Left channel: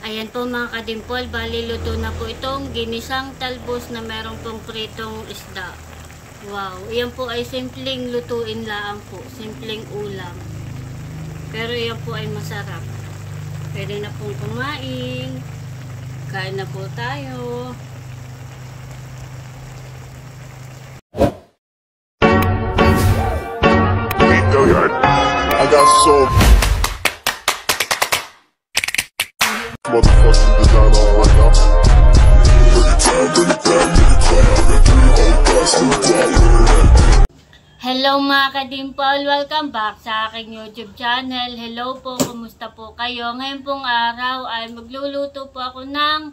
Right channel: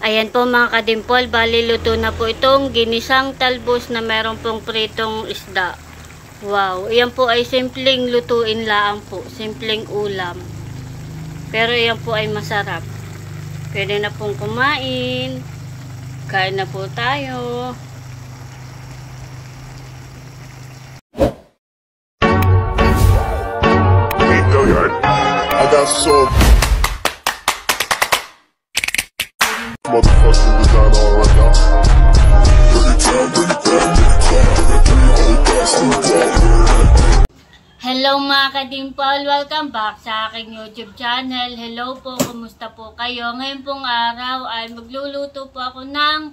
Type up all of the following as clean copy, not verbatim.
Ayan po mga kadimpol, bali luto na po itong ginisang talbos na meron pong pritong isda. Wow, yan po ay simpleng lutuin lang po, simpleng ulam. Pero yan po ay masarap. Pwede na pong kumain. Kain na po tayo. I got some motherfucking designer on right now. Hello mga kadimpol, welcome back sa aking YouTube channel. Hello po, kumusta po kayo? Ngayon pong araw ay magluluto po ako ng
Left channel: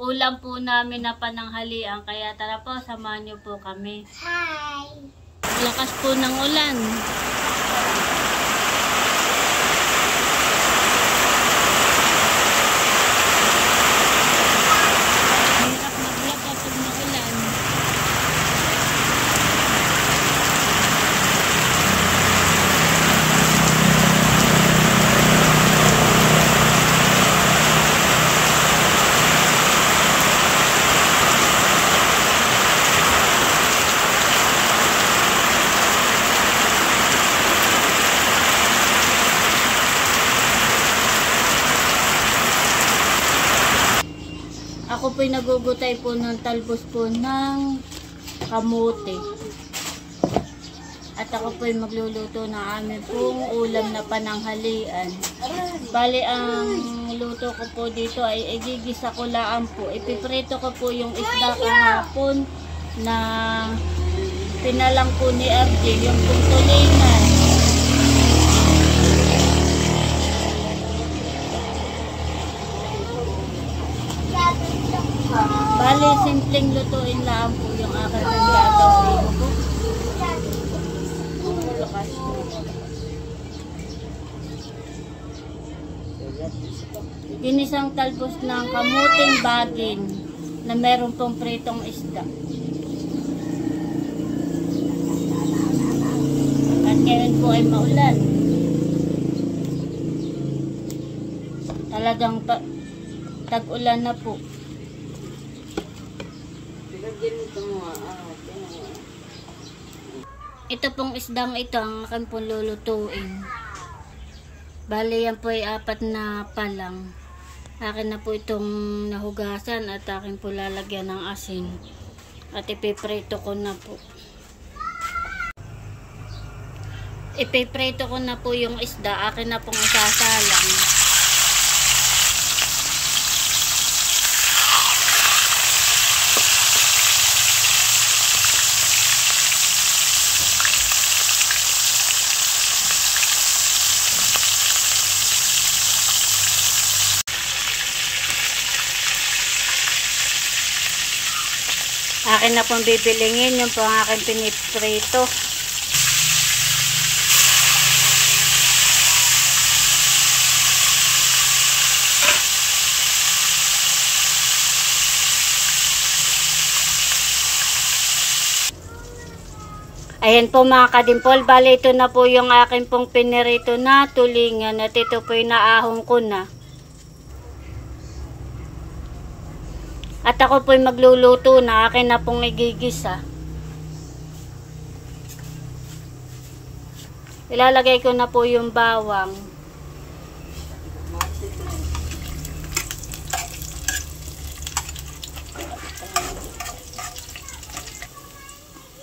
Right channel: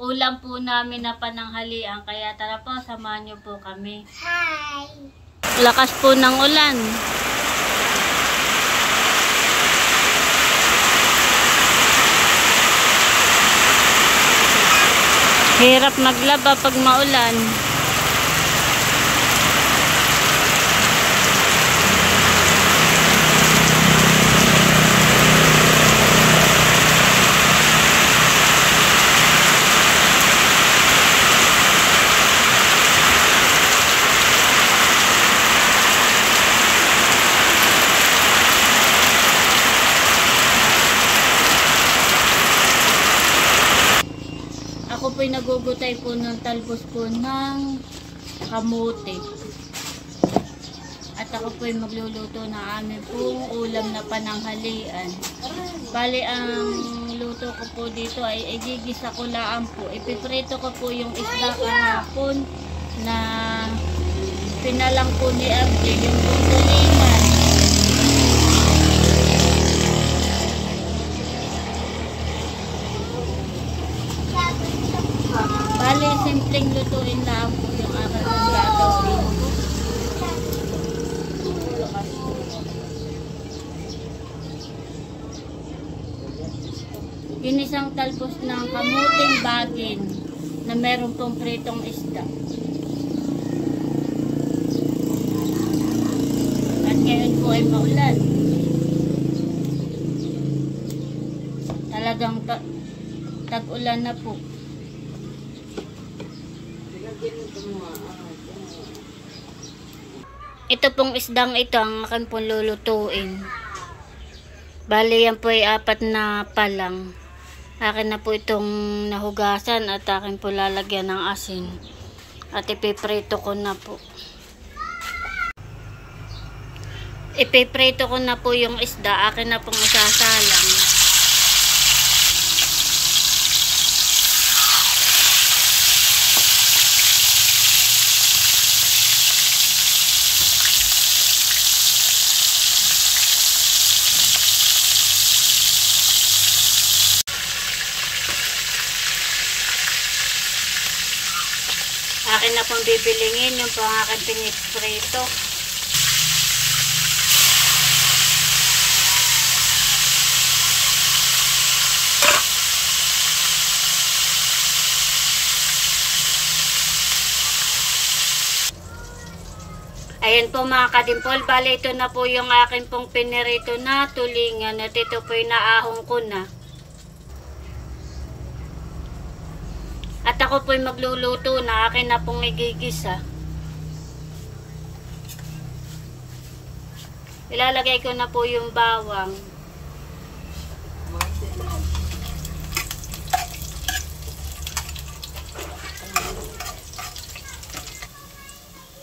ulam po namin na pananghalian. Kaya tara po, samahan niyo po kami. Hi! Lakas po ng ulan. Hirap maglaba pag maulan. Ako po'y nagugutay po ng talbos po ng kamote. At ako po'y magluluto ng amin pong ulam na pananghalian. Bali, ang luto ko po dito ay igigisa ko lang po. Ipiprito ko po yung isda kahapon na pinalang po ni FJ, yung putulinan. Bali, simpleng lutuin lang po yung aking gagawin. Ginisang talbos ng kamuting bagin na meron pong pritong isda. At ngayon po ay maulan. Talagang tag-ulan na po. Ito pong isdang ito ang akin pong lulutuin. Bali yan po ay 4 na palang. Akin na po itong nahugasan at akin po lalagyan ng asin. At ipiprito ko na po. Ipiprito ko na po yung isda. Akin na pong isasalang. Akin na pong bibilingin yung po ang aking piniprito. Ayan po mga kadimpol, bali ito na po yung akin pong pinirito na tulingan at ito po yung naahong ko na. At ako po'y magluluto na, akin na pong igigisa. Ilalagay ko na po yung bawang.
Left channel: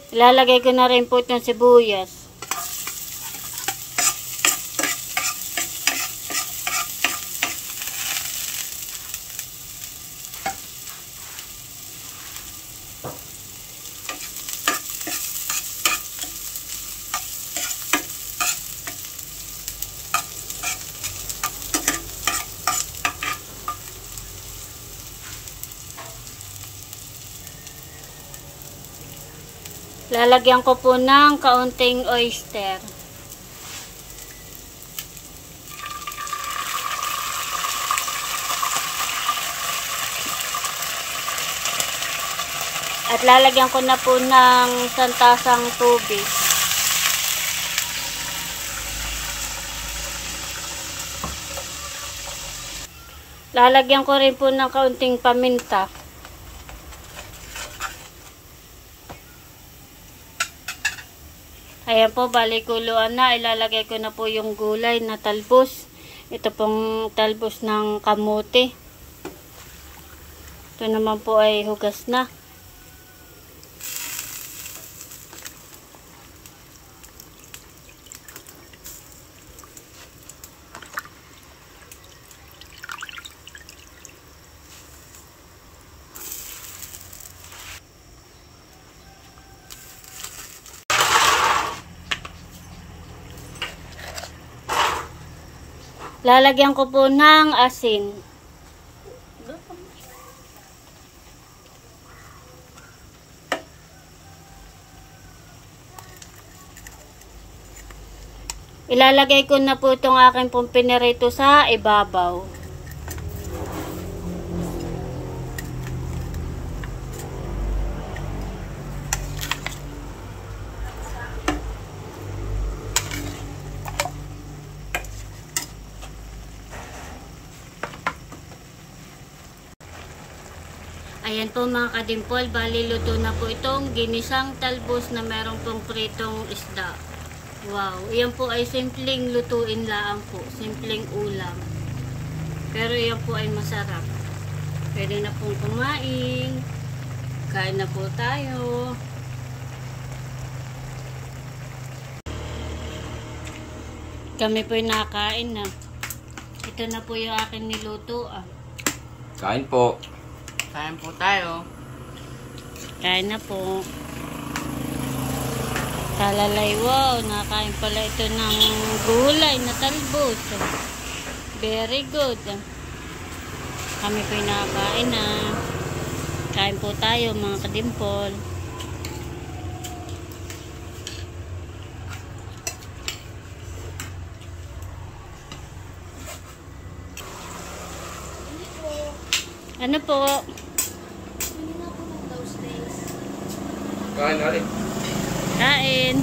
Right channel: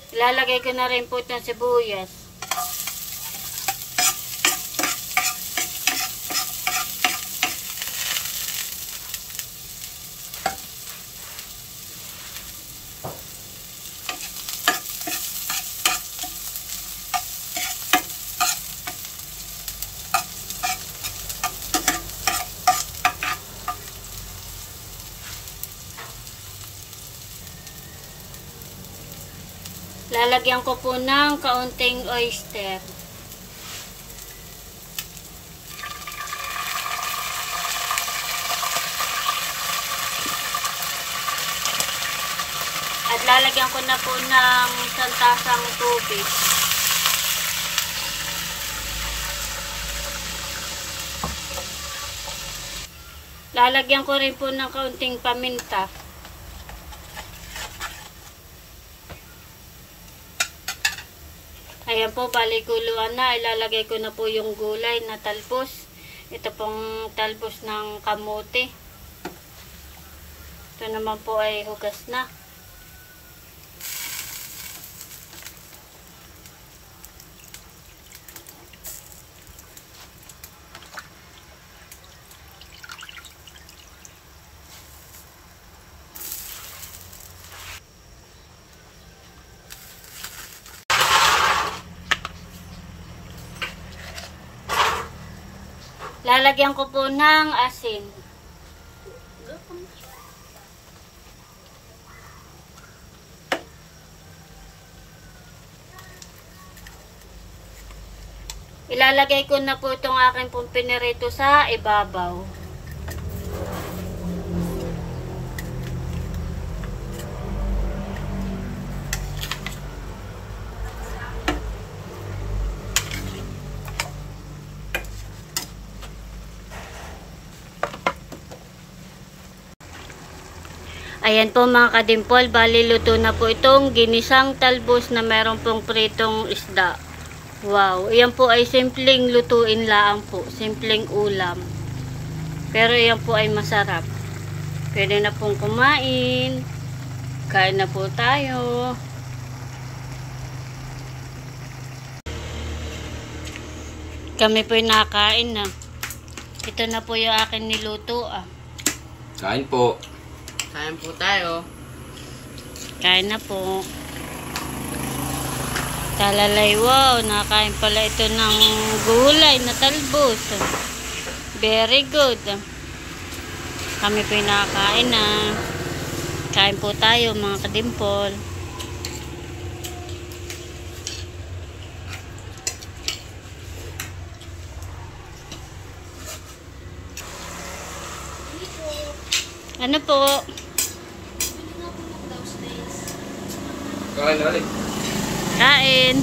Ilalagay ko na rin po itong sibuyas. Lalagyan ko po ng kaunting oyster. At lalagyan ko na po ng 1 tasang tubig. Lalagyan ko rin po ng kaunting paminta. Ayan po, bali kuluan na. Ilalagay ko na po yung gulay na talbos. Ito pong talbos ng kamote. Ito naman po ay hugas na. Lalagyan ko po ng asin. Ilalagay ko na po itong aking pong pinirito sa ibabaw. Ayan po mga kadimpol, bali luto na po itong ginisang talbos na meron pong pritong isda. Wow, ayan po ay simpleng lutuin lang po, simpleng ulam. Pero ayan po ay masarap. Pwede na pong kumain. Kain na po tayo. Kami po ay nakain na. Ito na po yung akin niluto Kain po. Kain po tayo. Kain na po. Talalay, wow, nakain pala ito ng gulay na talbos. Very good. Kami po yung nakakain na. Kain po tayo mga kadimpol. Ano po? Kain natin. Kain.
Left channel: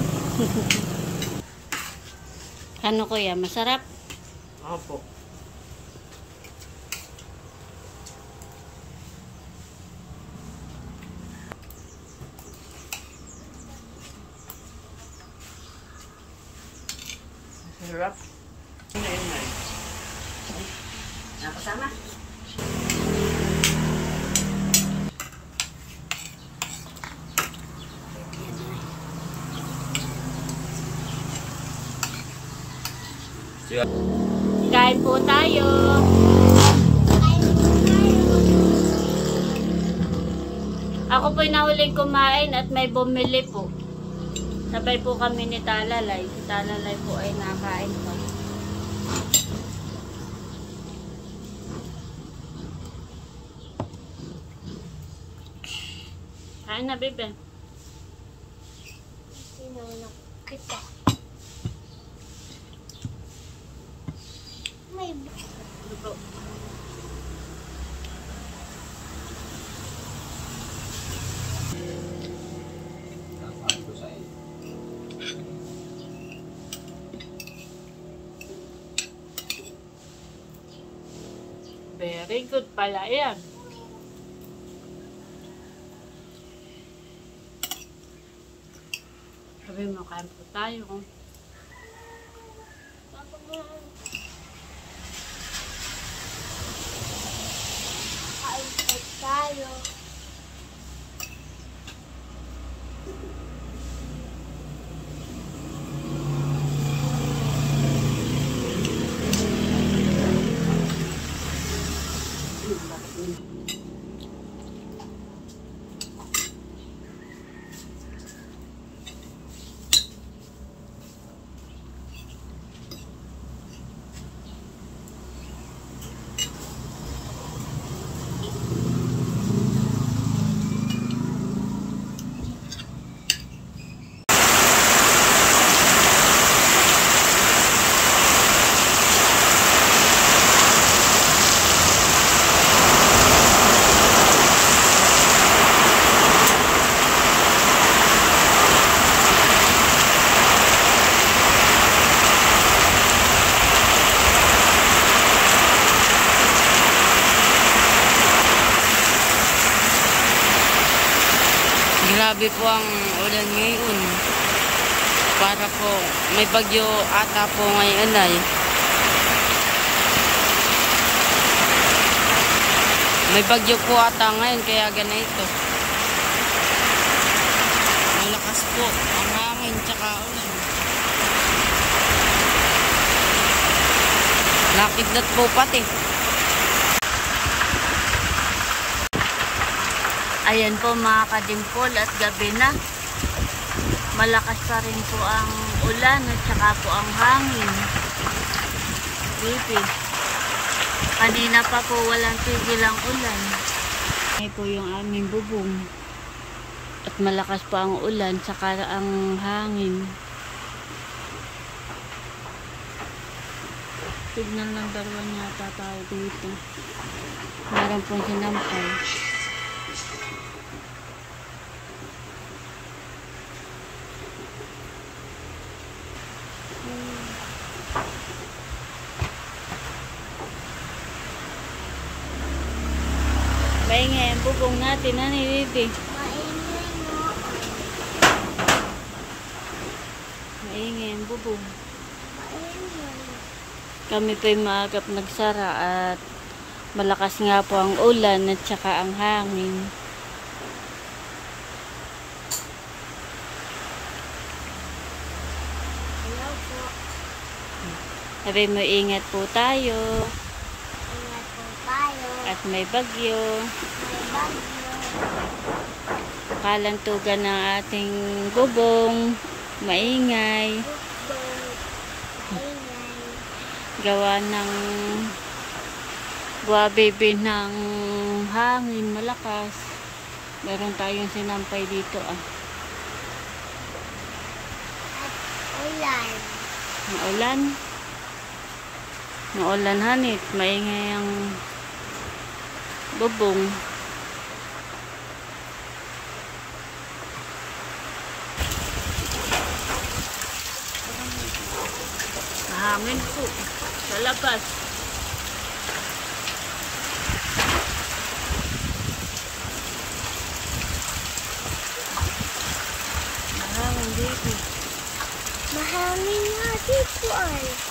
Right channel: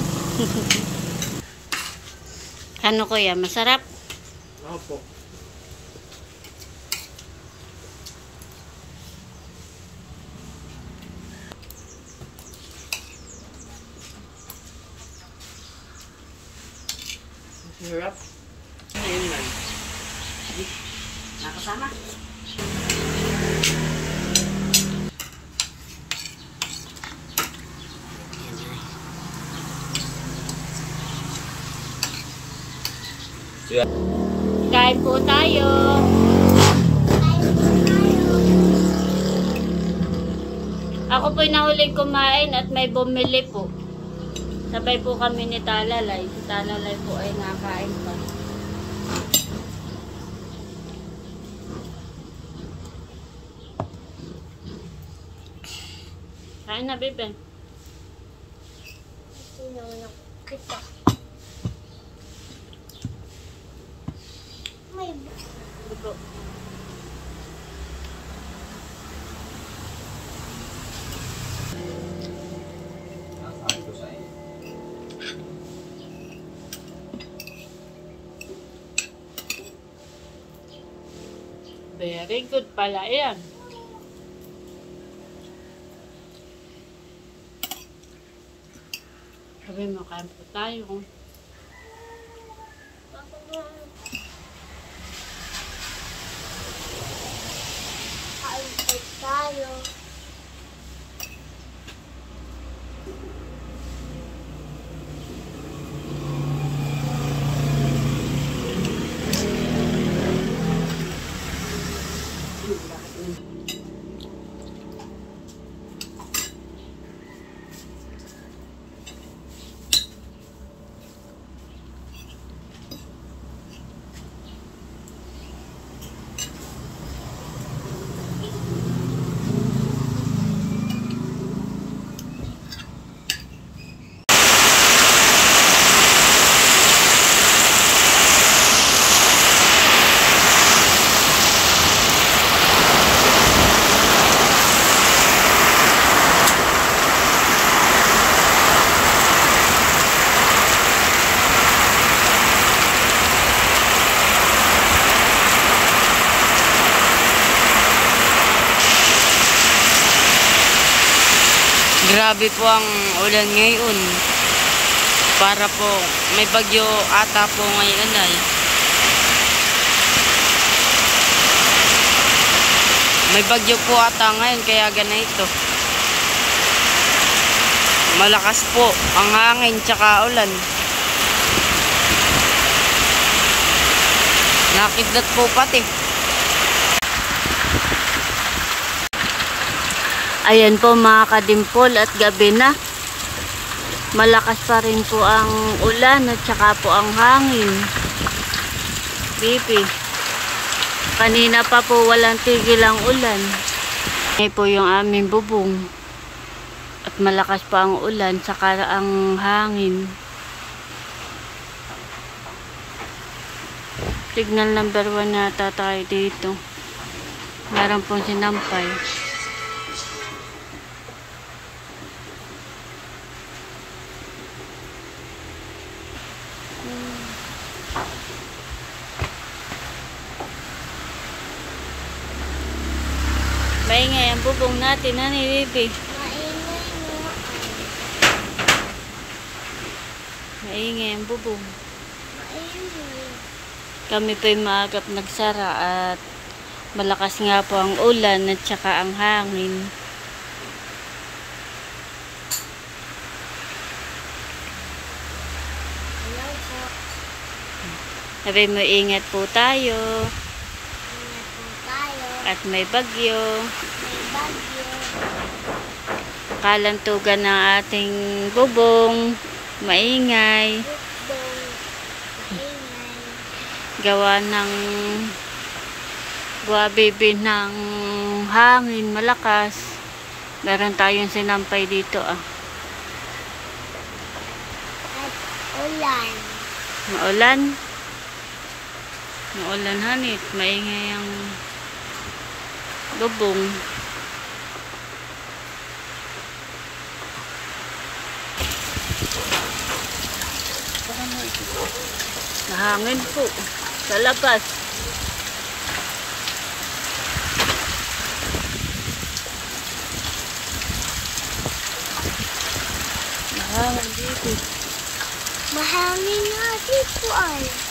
Ano kuya? Masarap? Opo. Masarap. Ngayon man. Nakasama? Yeah. Kain po tayo. Ako po'y nahuling kumain at may bumili po. Sabay po kami ni Talalay. Si Talalay po ay nakain pa. Kain na, bebe. Dugo. Very good pala yan. Sabi mo, kain po tayo. Grabe po ang ulan ngayon. Para po may bagyo ata po ngayon ay. May bagyo po ata ngayon kaya ganito. Malakas po ang hangin tsaka ulan. Nakidlat po pati. Ayan po mga kadimpol at gabi na. Malakas pa rin po ang ulan at saka po ang hangin. Bibi. Kanina pa po walang tigil ang ulan. Ngayon po yung aming bubong. At malakas pa ang ulan saka ang hangin. Signal number 1 nata tayo dito. Meron pong sinampay. Maingay ang bubong natin, hani, baby. Maingay ang bubong. Kami po'y maagap nagsara at malakas nga po ang ulan at saka ang hangin. Hello po. Sabi mo, ingat po tayo. Ingat po tayo. At may bagyo. May bagyo. Kalantugan ng ating bubong. Maingay. Bukbong. Maingay. Gawa ng buwabibi ng hangin malakas. Meron tayong sinampay dito At ulan. Maulan. Maulan hanit. Maingay ang bubong. Mahangin po sa labas. Mahangin dito. Mahangin nga dito ay.